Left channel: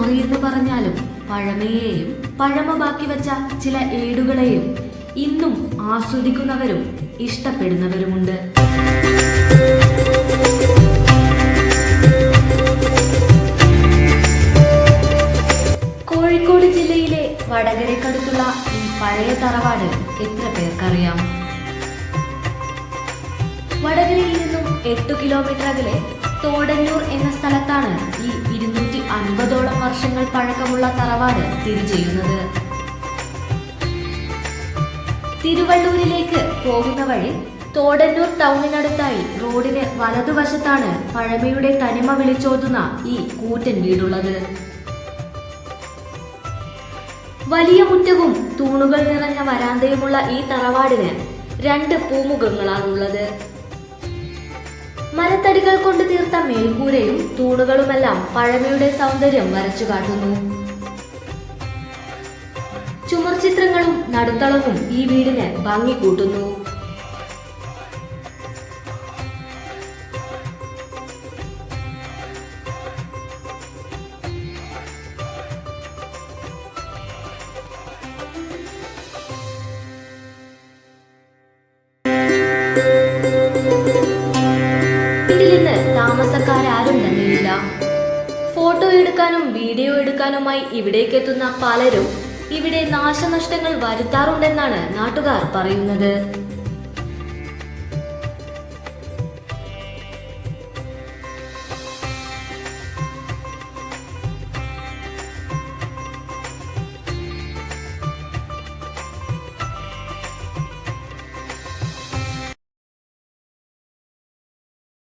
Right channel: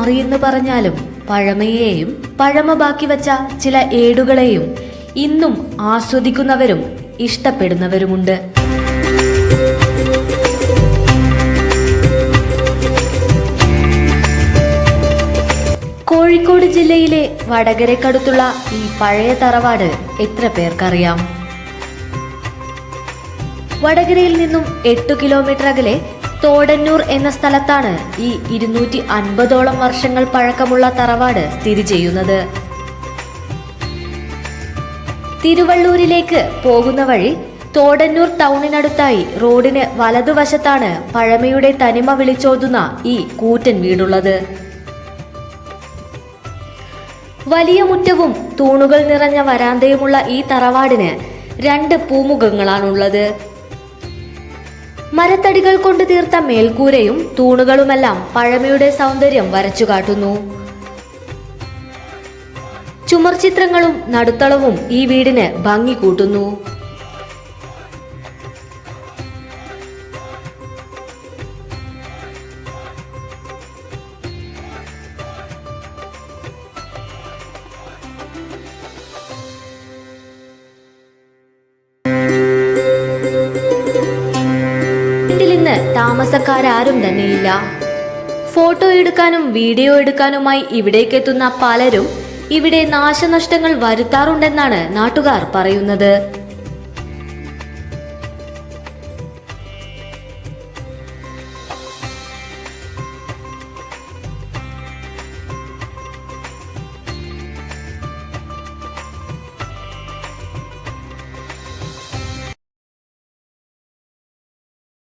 മാറിയെന്ന് പറഞ്ഞാലും പഴമയെയും പഴമ ബാക്കി വച്ച ചില ഏടുകളെയും ഇന്നും ആസ്വദിക്കുന്നവരും ഇഷ്ടപ്പെടുന്നവരുമുണ്ട്. കോഴിക്കോട് ജില്ലയിലെ വടകരക്കടുത്തുള്ള ഈ പഴയ തറവാട് എത്ര പേർക്കറിയാം? വടകരയിൽ നിന്നും 8 കിലോമീറ്റർ അകലെ തോടന്നൂർ എന്ന സ്ഥലത്താണ് ഈ 250ഓളം വർഷങ്ങൾ പഴക്കമുള്ള തറവാട് സ്ഥിതി ചെയ്യുന്നത്. തിരുവള്ളൂരിലേക്ക് പോകുന്ന വഴി തോടന്നൂർ ടൗണിനടുത്തായി റോഡിന് വലതുവശത്താണ് പഴമയുടെ തനിമ വിളിച്ചോതുന്ന ഈ കൂറ്റൻ വീടുള്ളത്. വലിയ മുറ്റവും തൂണുകൾ നിറഞ്ഞ വരാന്തയുമുള്ള ഈ തറവാടിന് 2 പൂമുഖങ്ങളാണുള്ളത്. മരത്തടികൾ കൊണ്ട് തീർത്ത മേൽക്കൂരയും തൂണുകളുമെല്ലാം പഴമയുടെ സൗന്ദര്യം വരച്ചു കാട്ടുന്നു. ചുമർചിത്രങ്ങളും നടുത്തളവും ഈ വീടിന് ഭംഗി കൂട്ടുന്നു. താമസക്കാരും തന്നെയില്ല. ഫോട്ടോ എടുക്കാനും വീഡിയോ എടുക്കാനുമായി ഇവിടേക്ക് എത്തുന്ന പലരും ഇവിടെ നാശനഷ്ടങ്ങൾ വരുത്താറുണ്ടെന്നാണ് നാട്ടുകാർ പറയുന്നത്.